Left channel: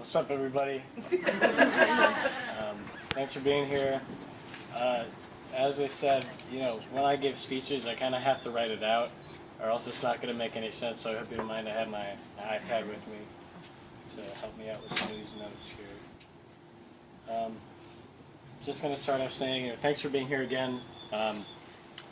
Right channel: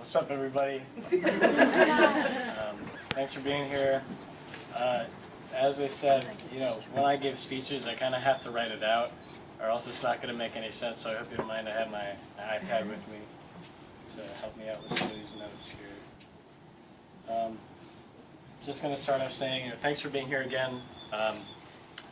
What's up, everybody? Thanks for being here. As I said, when I give speeches, I kind of have to write it out, or else it's not going to make any sense. So I hope you don't mind. I have my iPad with me to help me out with some of these notes here. Just going to start off saying, thanks for being here again. I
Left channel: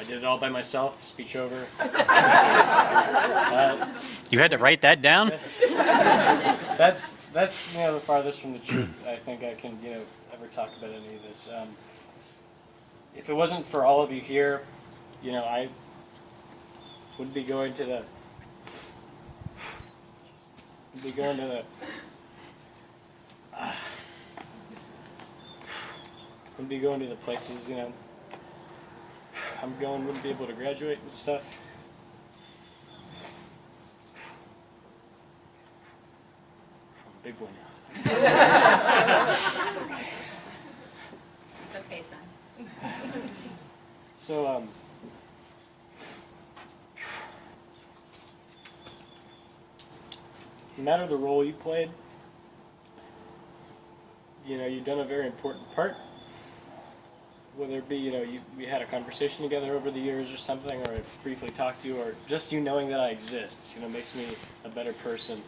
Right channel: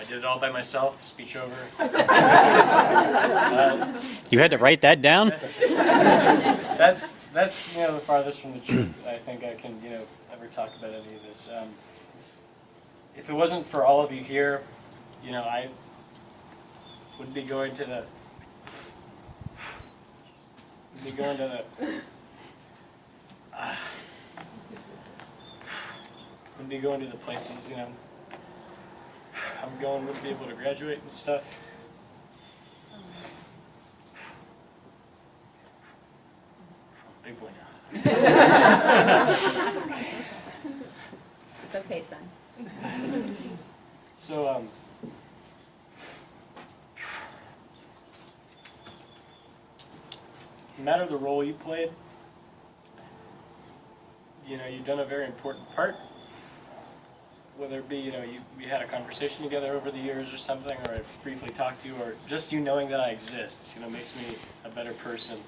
did it all by myself. Speech over. You had to write that down? That's the farthest from the truth I think I can ever talk about any of this. If it wasn't for all of you here, I would be going to the places I'm going, wouldn't be able to graduate and stuff. Big boy now. It's okay, son. So, no matter the role you played, you've done a very important part. Whether it be, we had a conversation together over the years or something, or I've briefly talked to you, or just you knowing that I exist, makes me a better person.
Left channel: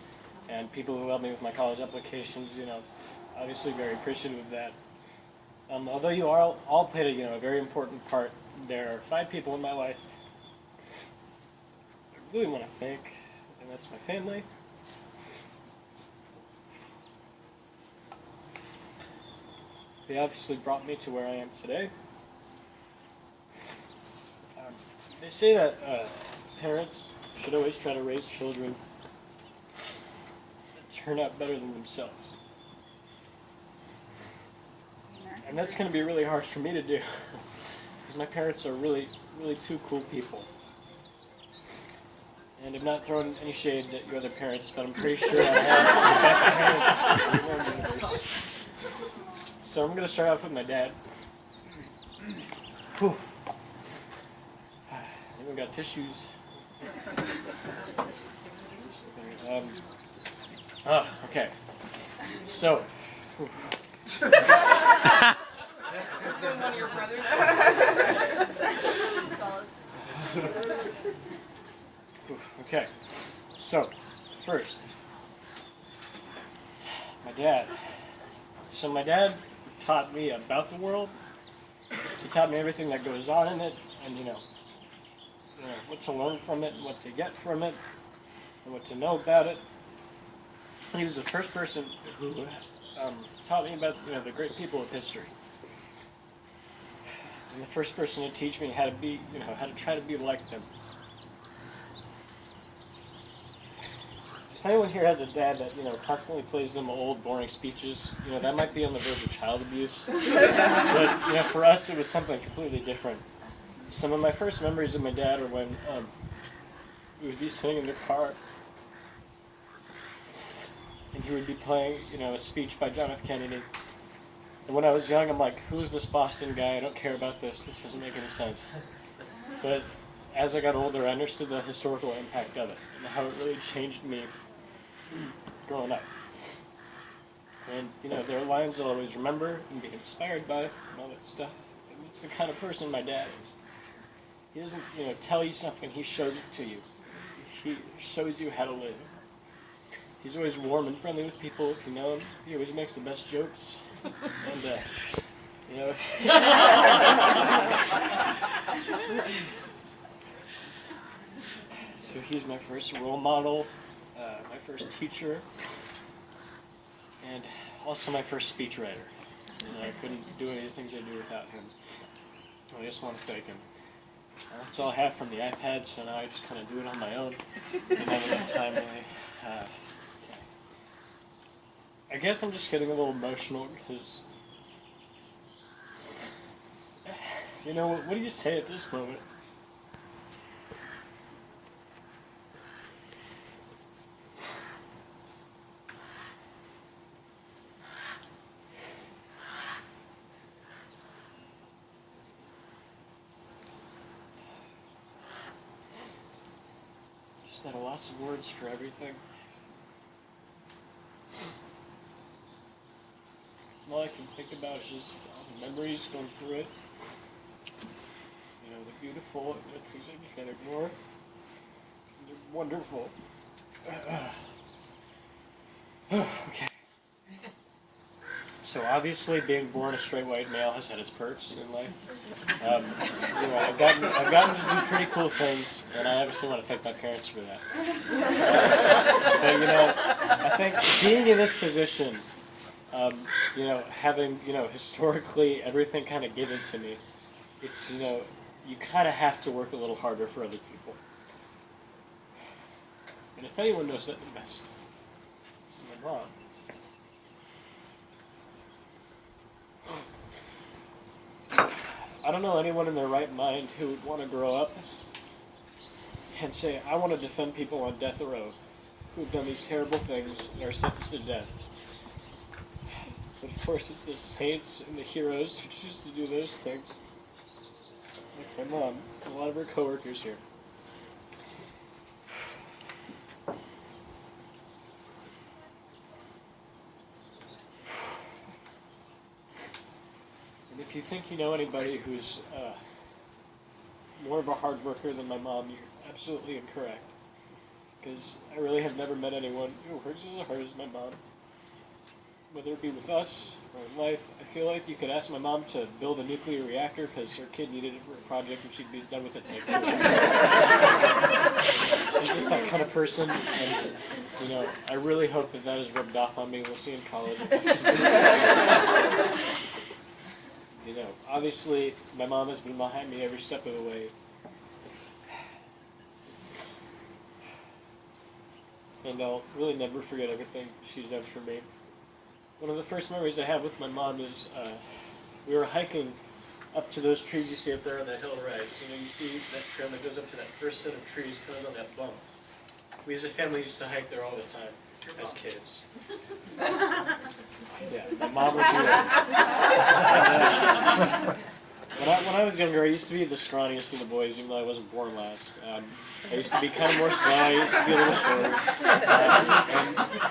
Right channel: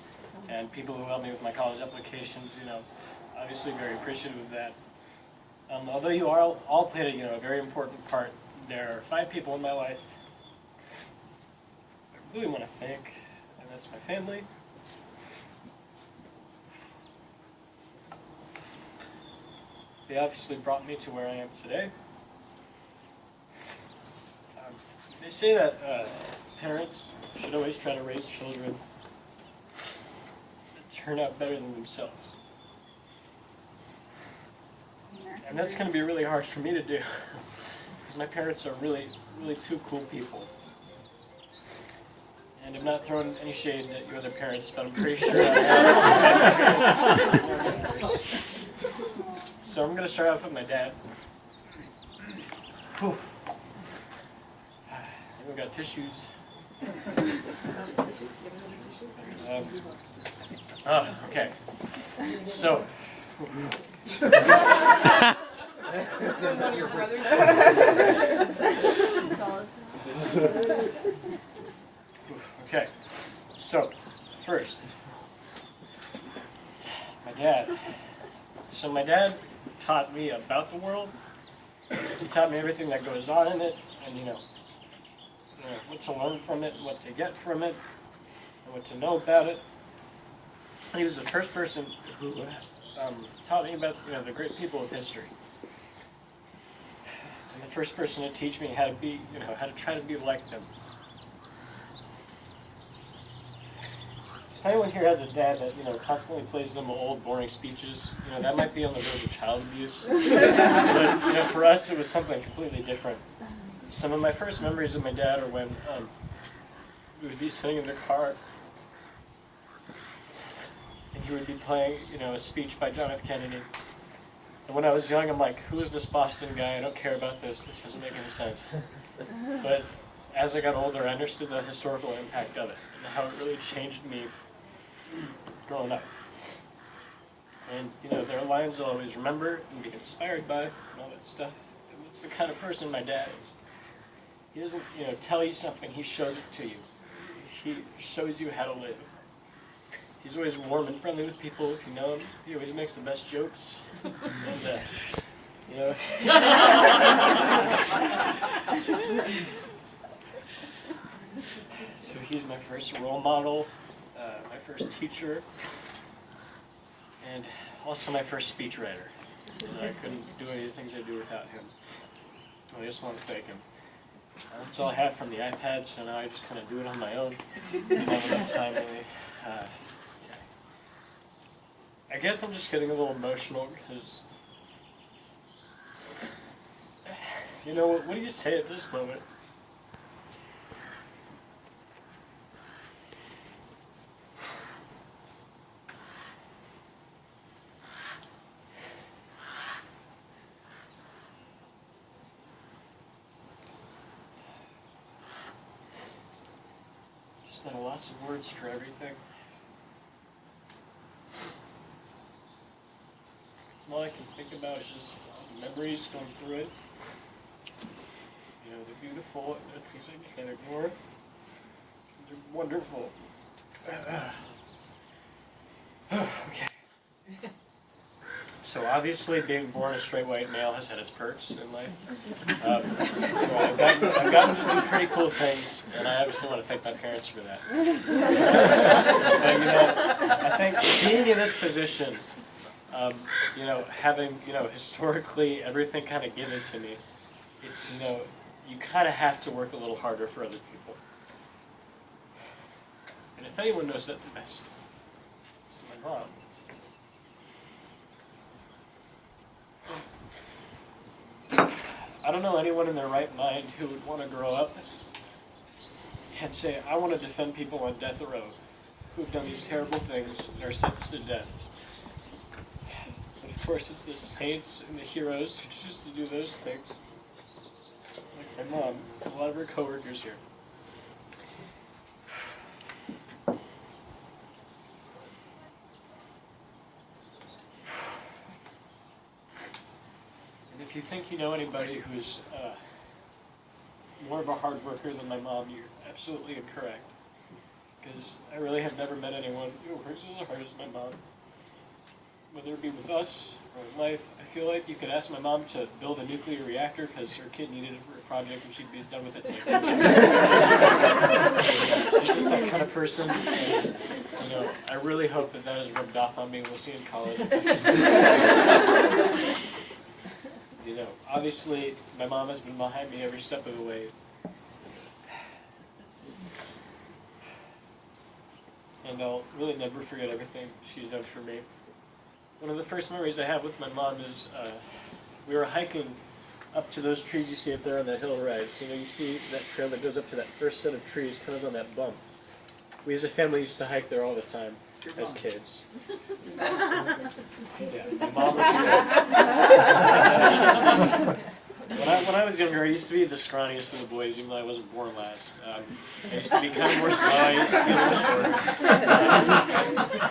And people who helped me with my college applications, obviously very appreciative of that. Although you all played a very important part, there are 5 people in my life I really want to thank, and that's my family. They obviously brought me to where I am today. They say that parents should always try to raise children that turn out better than themselves. And that's going to be really hard for me to do, because my parents are really, really 2 cool people. And I'm not throwing any shade at your other parents, but I'm pretty sure I have. So I'm going to start off with my dad. Whew. We've got tissues. Okay. So. One of your brothers. Okay. So, first, my dad. So my dad taught me about the world. He taught me everything that goes on in it, and what to learn from it, what to get from it, and what to know about it. And he was the first person who taught me about the great people of history, and the first person to teach me how to be, how to try to be like them. If anyone here has a dad that constantly plays them old boring speeches, that might be on the verge of child abuse. But for us, it was something completely different. Some of my first memories of my dad are when we would be sitting in the car, and he would be playing, a speech by John F. Kennedy. And when I was young, I'm like, who is this Boston guy? I don't care about this. This doesn't make any sense. But as I got older, I understood the historical impact of it and how it really changed me growing up. And, there are lines I'll always remember and be inspired by and all that stuff. And it's the kind of person my dad is. He doesn't, tell you something, he shows it to you. He shows you how to live. He's always warm and friendly with people if you know him. He always makes the best jokes. And, So he's my first role model, my first teacher, and also my first speechwriter. I couldn't do any of the things I do without him. I just want to thank him. That's all I have from the iPad, so now I just kind of do it on my own. I don't have enough time, really. Okay. I guess I'm just getting a little emotional because, what do you say at this moment? Just not lots of words for everything. all I can think about is just all the memories going through it. You know, the beautiful, the things I can't ignore. They're wonderful. Okay. So obviously, being born a straight white male has had its perks in life. You know, I've gotten to do pretty cool things, and I obviously want to thank my parents for that. But you know, I think being in this position, you know, having historically everything kind of given to me, it's you kind of have to work a little harder for other people. And if anyone knows that the best, it's my mom. I don't know anyone in their right mind who would want to grow up and say, I want to defend people on death row who've done these terrible things and are sentenced to death. But of course, it's the saints and the heroes who choose to do those things. Like my mom and a lot of her coworkers here. If you think you know anybody who's more of a hard worker than my mom, you're absolutely incorrect. Because I really have never met anyone who works as hard as my mom. Whether it be with us or in life, I feel like you could ask my mom to build a nuclear reactor because her kid needed it for a project and she'd be done with it in like 2 days. She's just that kind of person. And, I really hope that is rubbed off on me. We'll see in college. Obviously, my mom has been behind me every step of the way. And I'll really never forget everything she's done for me. One of the first memories I have with my mom is we were hiking up to those trees you see up there on that hill right. So you see that trail that goes up to that first set of trees kind of on that bump. We as a family used to hike there all the time as kids. Yeah, my mom would do that. When I was younger, I used to be the scrawniest of the boys, even though I wasn't born last. I used to be kind of more slow. I used to be a little short.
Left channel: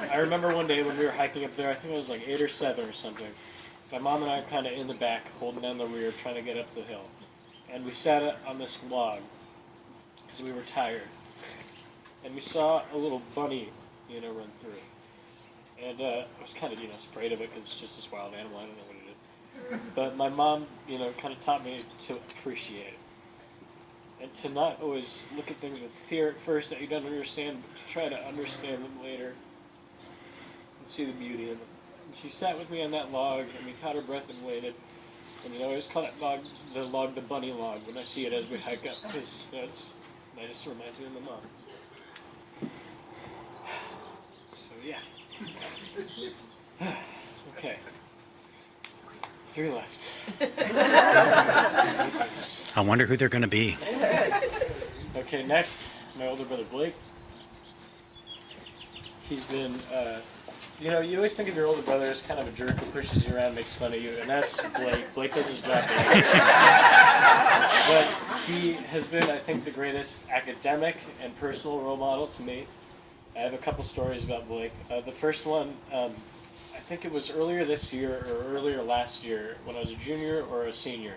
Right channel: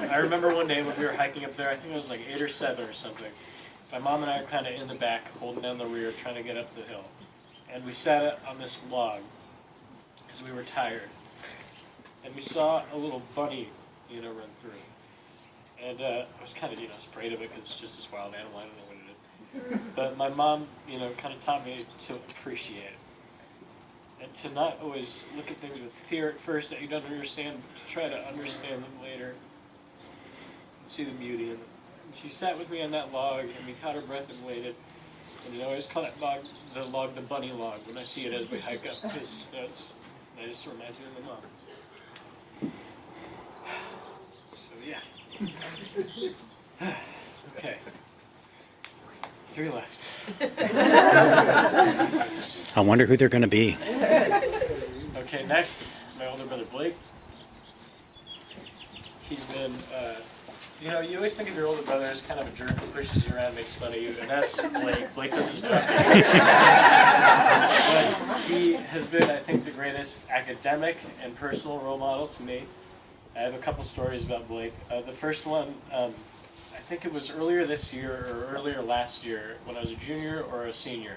And I remember one day when we were hiking up there, I think I was like 8 or 7 or something. My mom and I were kind of in the back, holding down the rear, trying to get up the hill. And we sat on this log because we were tired. And we saw a little bunny, run through. And I was kind of, afraid of it because it's just this wild animal. I don't know what it is. But my mom, kind of taught me to appreciate it. And to not always look at things with fear at first that you don't understand, but to try to understand them later and see the beauty in them. And she sat with me on that log, and we caught her breath and waited. And I always call that log the bunny log when I see it as we hike up, because that just reminds me of my mom. So yeah. Okay. 3 left. I wonder who they're going to be. Okay, next, my older brother Blake. He's been, you always think of your older brother as kind of a jerk who pushes you around, makes fun of you, and that's Blake. Blake does his job. But he has been, I think, the greatest academic and personal role model to me. I have a couple stories about Blake. The first one, I think it was earlier this year or earlier last year when I was a junior or a senior.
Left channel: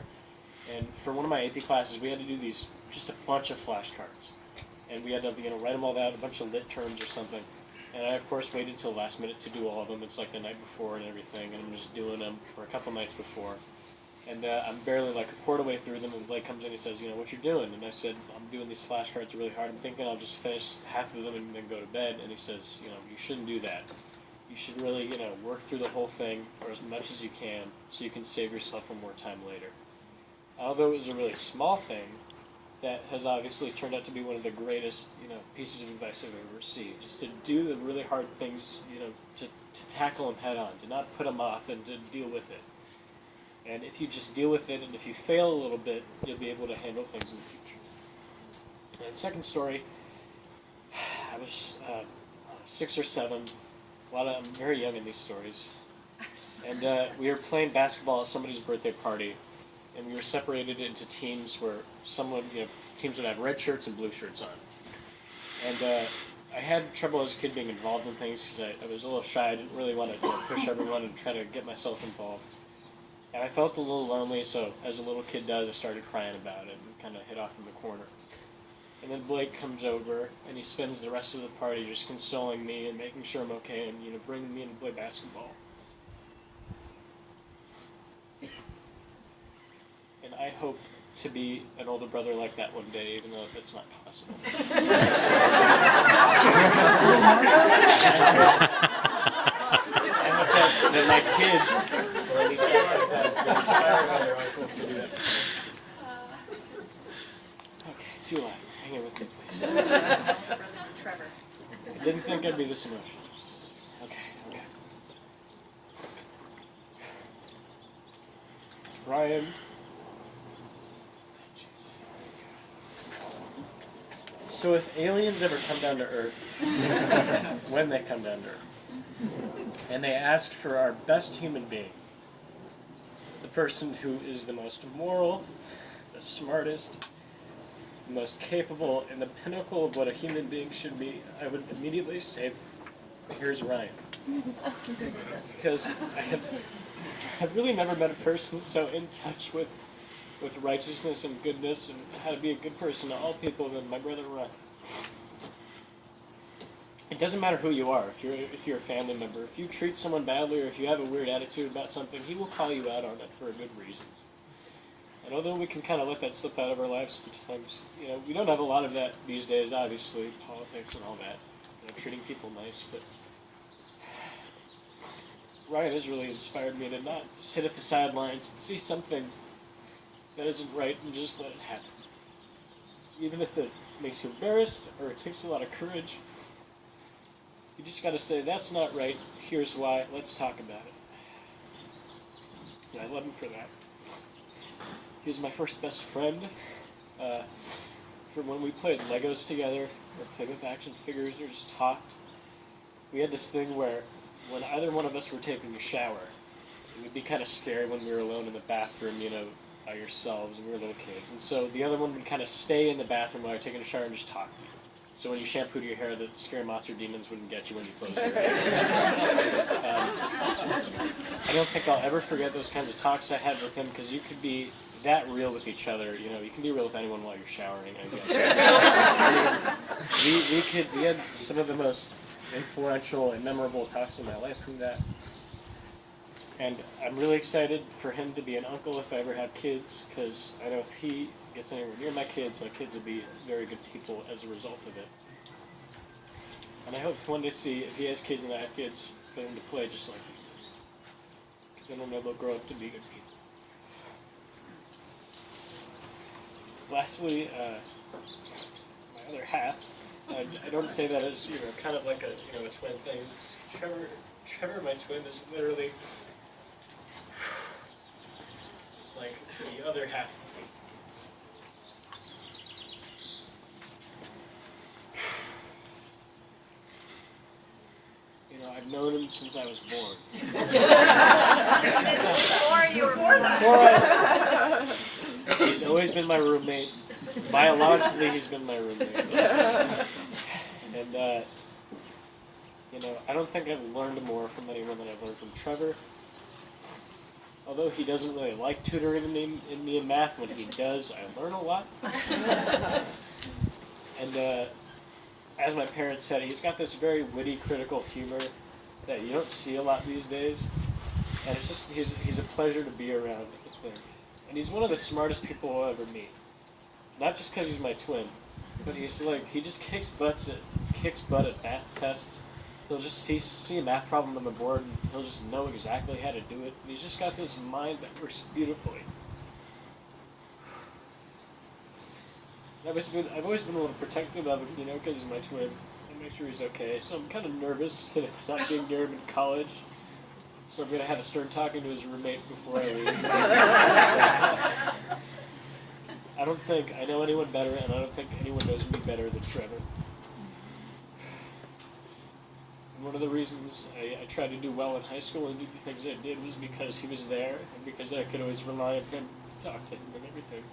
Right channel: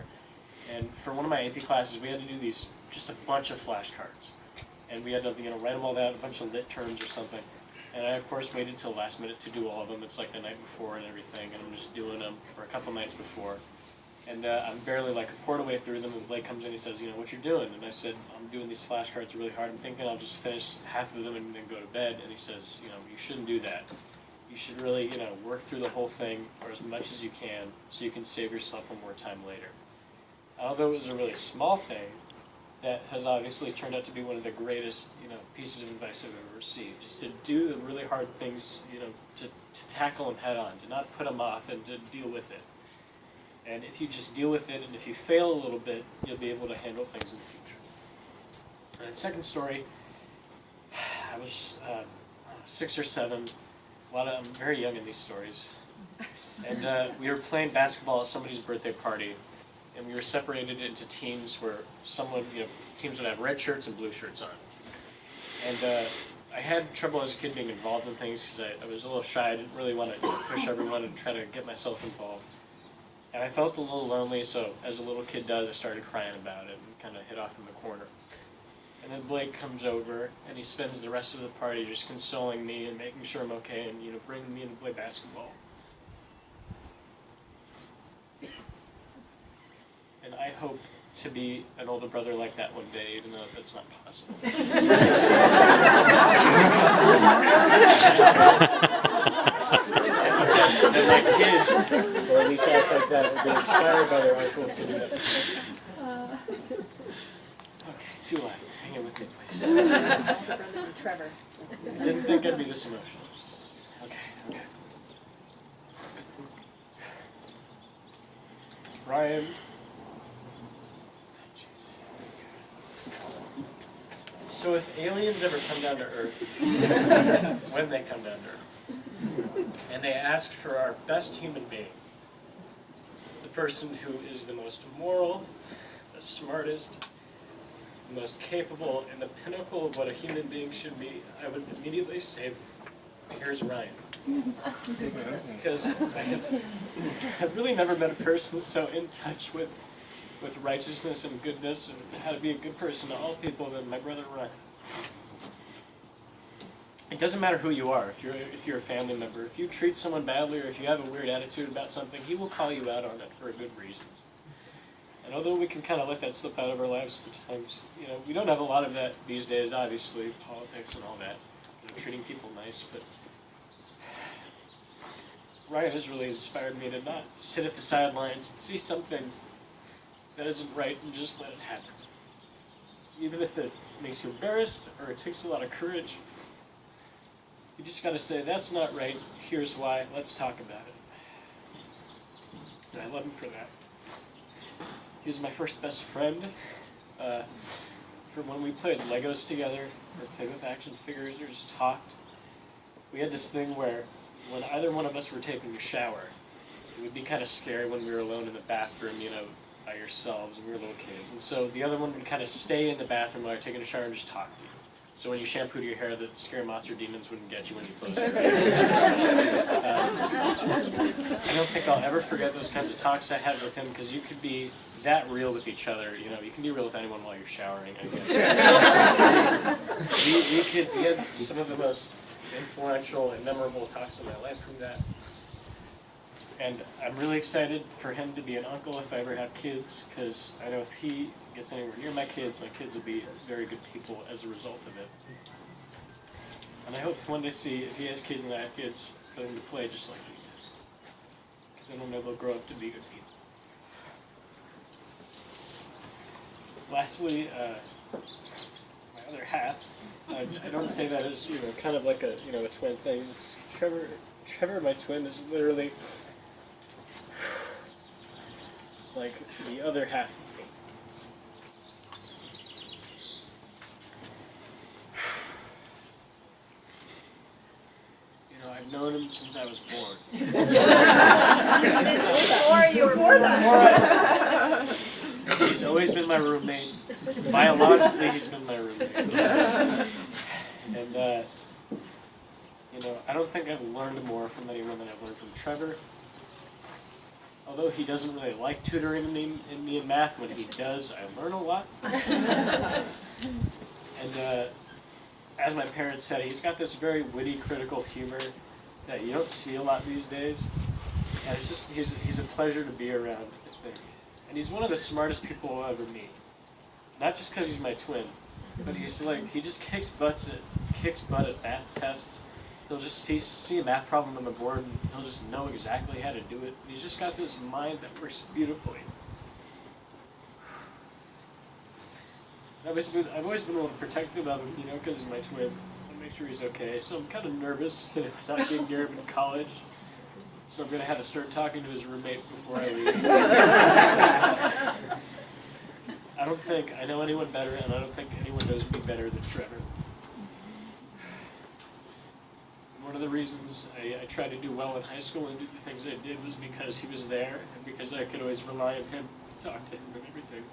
And for one of my AP classes, we had to do just a bunch of flashcards. And we had to, write them all down, a bunch of lit terms or something. And I, of course, waited until the last minute to do all of them. It's like the night before and everything, and I'm just doing them for a couple nights before. And I'm barely like a quarter way through them, and Blake comes in and he says, what you're doing? And I said, I'm doing these flashcards really hard. I'm thinking I'll just finish half of them and then go to bed. And he says, you shouldn't do that. You should really, work through the whole thing or as much as you can so you can save yourself for more time later. Although it was a really small thing, that has obviously turned out to be one of the greatest, pieces of advice I've ever received, is to do the really hard things, to tackle them head on, to not put them off and to deal with it. And if you just deal with it, and if you fail a little bit, you'll be able to handle things in the future. And second story, I was 6 or 7. I'm very young in these stories. And we were playing basketball at somebody's birthday party, and we were separated into teams where teams would have red shirts and blue shirts on. And I had trouble as a kid being involved in things because I was a little shy. I didn't really want to push everyone and try to get myself involved. And I felt a little lonely, so as a little kid does, I started crying about it and kind of hid off in the corner. And then Blake comes over, and he spends the rest of the party just consoling me and making sure I'm okay and, bringing me in to play basketball. And I hope to be an older brother like that one day, even though that's not possible. That my kids, or at least act like that, be inspired by their uncle to do that. Okay, 2 left. Hang in with me, please. Trevor. I didn't think I'd be this emotional. Okay. Brian. So if aliens ever come down to Earth, when they come down to Earth, and they asked for our best human being, the person who is the most moral, the smartest, the most capable, and the pinnacle of what a human being should be, I would immediately say, here's Ryan. Because I've really never met a person so in touch with righteousness and goodness and how to be a good person to all people than my brother Ryan. It doesn't matter who you are, if you're a family member. If you treat someone badly or if you have a weird attitude about something, he will call you out on it for good reasons. And although we can kind of let that slip out of our lives sometimes, we don't have a lot of that these days, obviously, politics and all that, treating people nice, but Ryan has really inspired me to not sit at the sidelines and see something that isn't right and just let it happen. Even if it makes you embarrassed or it takes a lot of courage, you just got to say, that's not right, here's why, let's talk about it. And I love him for that. He was my first best friend from when we played Legos together, or played with action figures, or just talked. We had this thing where when either one of us were taking a shower, it would be kind of scary when we were alone in the bathroom, by yourselves, and we were little kids. And so the other one would kind of stay in the bathroom while you're taking a shower and just talk to you. So when you shampooed your hair, the scary monster demons wouldn't get you when you closed your eyes. I don't think I'll ever forget those kinds of talks I had with him, because you could be that real with each other. You can be real with anyone while you're showering, I guess. we had some of the most influential and memorable talks in my life from that. And I'm really excited for him to be an uncle if I ever have kids, because I know if he gets anywhere near my kids will be very good people as a result of it. And I hope one day see, if he has kids and I have kids, for them to play just like he does. Because then they'll grow up to be good people. Lastly, my other half, I don't say that as, kind of like a twin thing. It's Trevor, my twin, is literally like the other half of me. I've known him since I was born. Since before you were born. He's always been my roommate. Biologically, he's been my roommate. And, I don't think I've learned more from anyone than I've learned from Trevor. Although he doesn't really like tutoring me in math, when he does, I learn a lot. And as my parents said, he's got this very witty, critical humor that you don't see a lot these days. And it's just, he's a pleasure to be around, I think. And he's one of the smartest people I'll ever meet. Not just because he's my twin, but he just kicks butt at math tests. He'll just see a math problem on the board, and he'll just know exactly how to do it. And he's just got this mind that works beautifully. I've always been a little protective of him, because he's my twin. I make sure he's okay. So I'm kind of nervous, not being near him in college. So I'm going to have to start talking to his roommate before I leave. I don't think I know anyone better, and I don't think anyone knows me better than Trevor. And one of the reasons I tried to do well in high school and do the things I did was because he was there, and because I could always rely on him to talk to him and everything.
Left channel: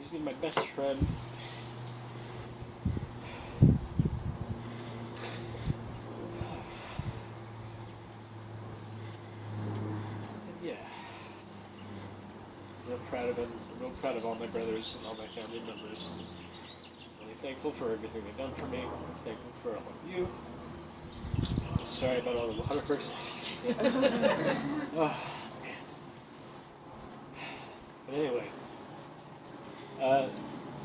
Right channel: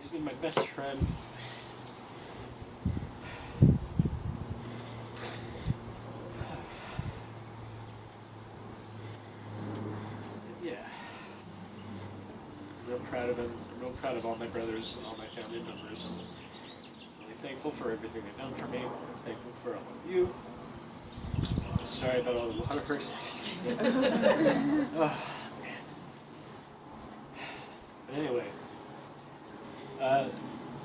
He's been my best friend. proud of him. I'm real proud of all my brothers and all my family members. I'm really thankful for everything they've done for me. I'm thankful for all of you. Sorry about all the waterworks. Oh, man. But anyway,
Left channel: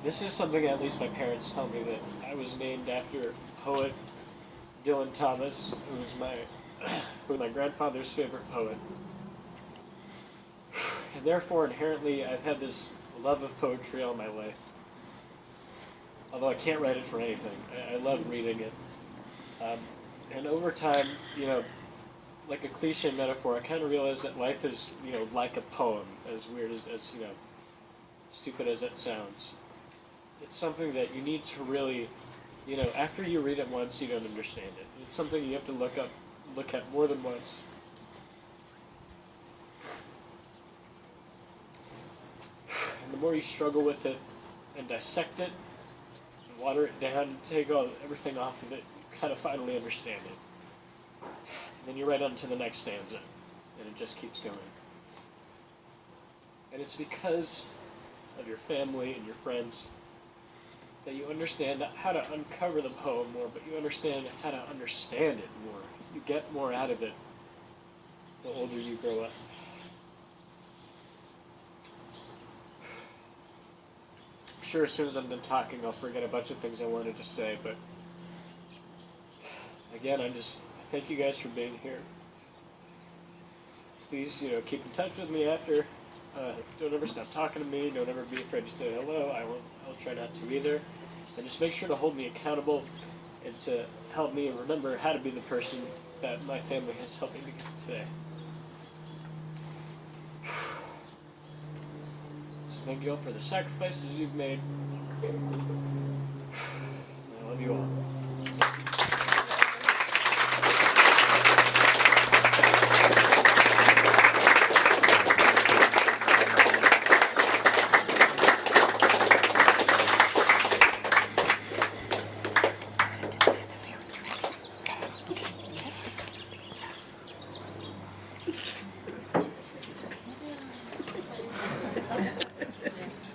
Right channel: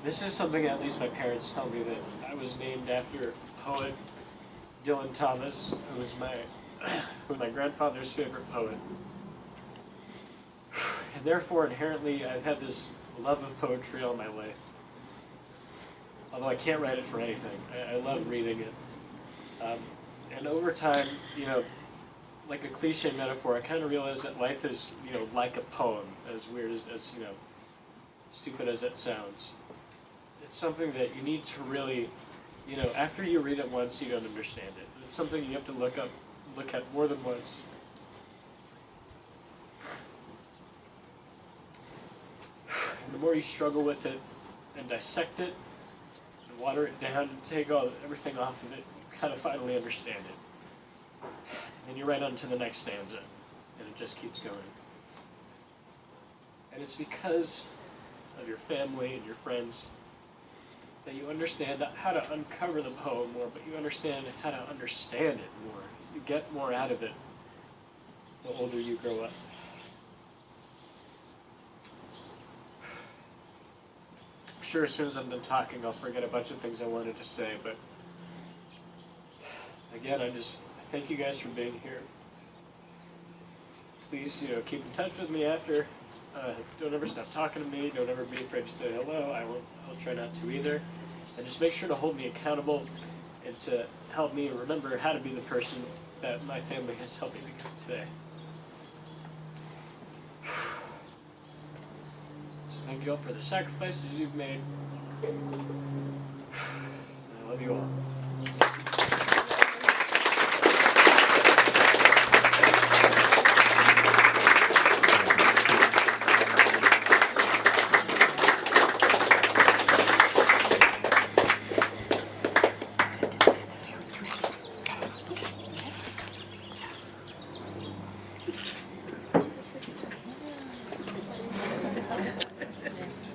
this is something at least my parents tell me, that I was named after poet Dylan Thomas, who was my grandfather's favorite poet. And therefore, inherently, I've had this love of poetry all my life. Although I can't write it for anything. I love reading it. And over time, like a cliche metaphor, I kind of realized that life is, like a poem, as weird as stupid as it sounds. It's something that you need to really, after you read it once, you don't understand it. It's something you have to look at more than once. And the more you struggle with it and dissect it and water it down and take everything off of it, you kind of finally understand it. And then you're right on to the next stanza, and it just keeps going. And it's because of your family and your friends that you understand how to uncover the poem more, but you understand how to understand it more. You get more out of it the older you grow up. I'm sure as soon as I'm done talking, I'll forget a bunch of things I wanted to say, but again, I thank you guys for being here. Please, keep in touch with me after. Don't ever stop talking to me. Don't ever be afraid to say hello. I'll try not to either. And just make sure to hold me accountable and to help me remember how to be the person that my family has helped me become today. So thank you all for the sacrifices you've made. I love you all.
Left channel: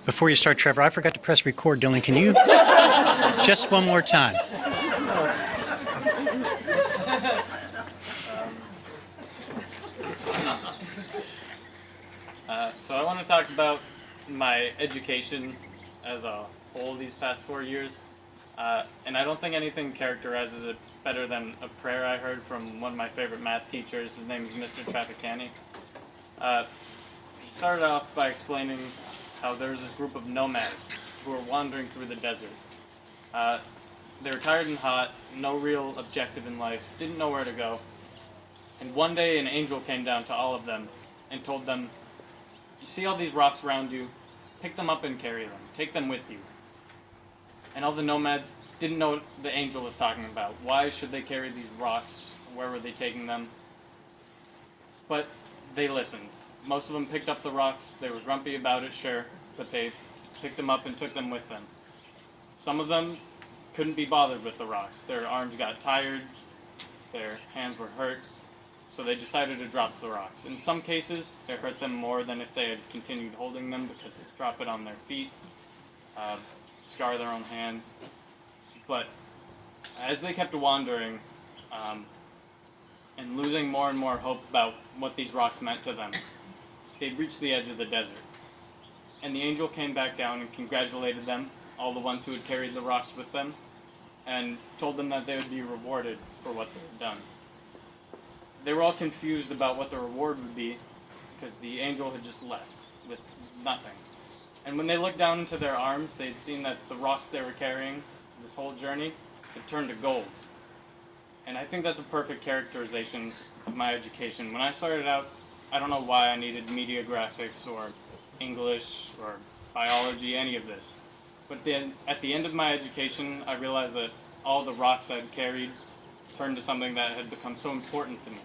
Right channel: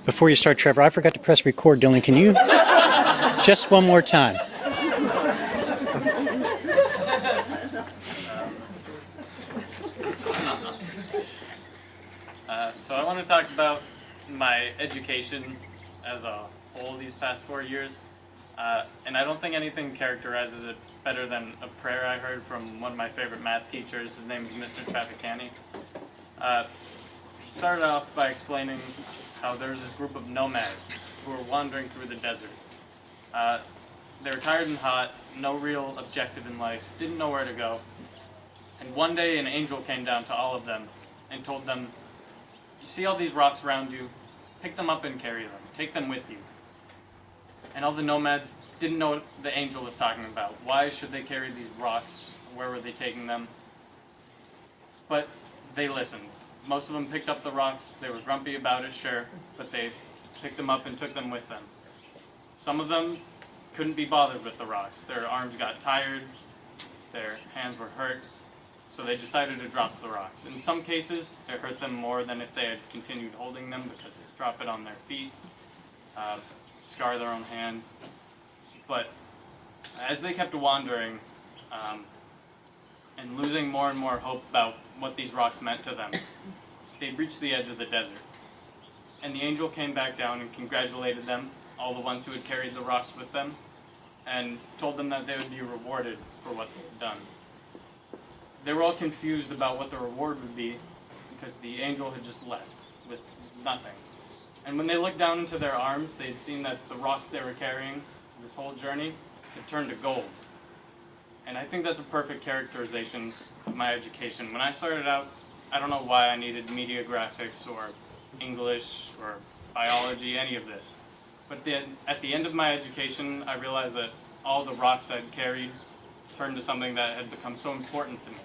Before you start, Trevor, I forgot to press record. Dylan, can you? Just one more time. So I want to talk about my education as a whole these past 4 years. And I don't think anything characterizes it better than a prayer I heard from one of my favorite math teachers. His name is Mr. Trapicani. He started off by explaining how there was this group of nomads who were wandering through the desert. They were tired and hot, no real objective in life, didn't know where to go. And one day an angel came down to all of them and told them, "You see all these rocks around you? Pick them up and carry them. Take them with you." And all the nomads didn't know what the angel was talking about. Why should they carry these rocks? Where were they taking them? But they listened. Most of them picked up the rocks. They were grumpy about it, sure, but they picked them up and took them with them. Some of them couldn't be bothered with the rocks. Their arms got tired, their hands were hurt, so they decided to drop the rocks. In some cases, it hurt them more than if they had continued holding them, because they drop it on their feet, scar their own hands. But as they kept wandering, and losing more and more hope about what these rocks meant to them, they reached the edge of the desert. And the angel came back down and congratulated them, all the ones who had carried the rocks with them, and told them that they would be rewarded for what they had done. They were all confused about what the reward would be, because the angel had just left with nothing. And when they looked down into their arms, they had seen that the rocks they were carrying this whole journey had turned to gold. And I think that's a perfect characterization of my education. When I started out, I don't know why I needed media graphics or English or biology, any of this. But then at the end of my education, I realized that all the rocks I'd carried turned to something that had become so important to me.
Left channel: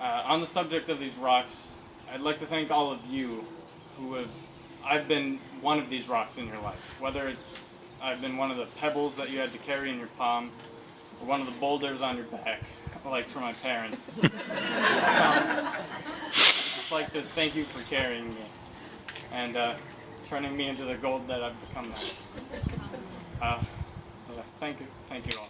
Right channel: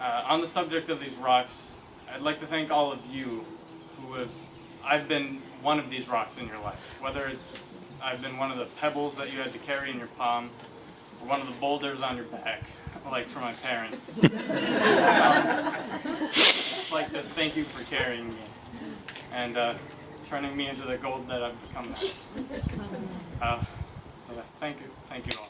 On the subject of these rocks, I'd like to thank all of you I've been one of these rocks in your life. Whether I've been one of the pebbles that you had to carry in your palm, or one of the boulders on your back, like for my parents. Just like to thank you for carrying me and turning me into the gold that I've become now. Yeah, thank you all.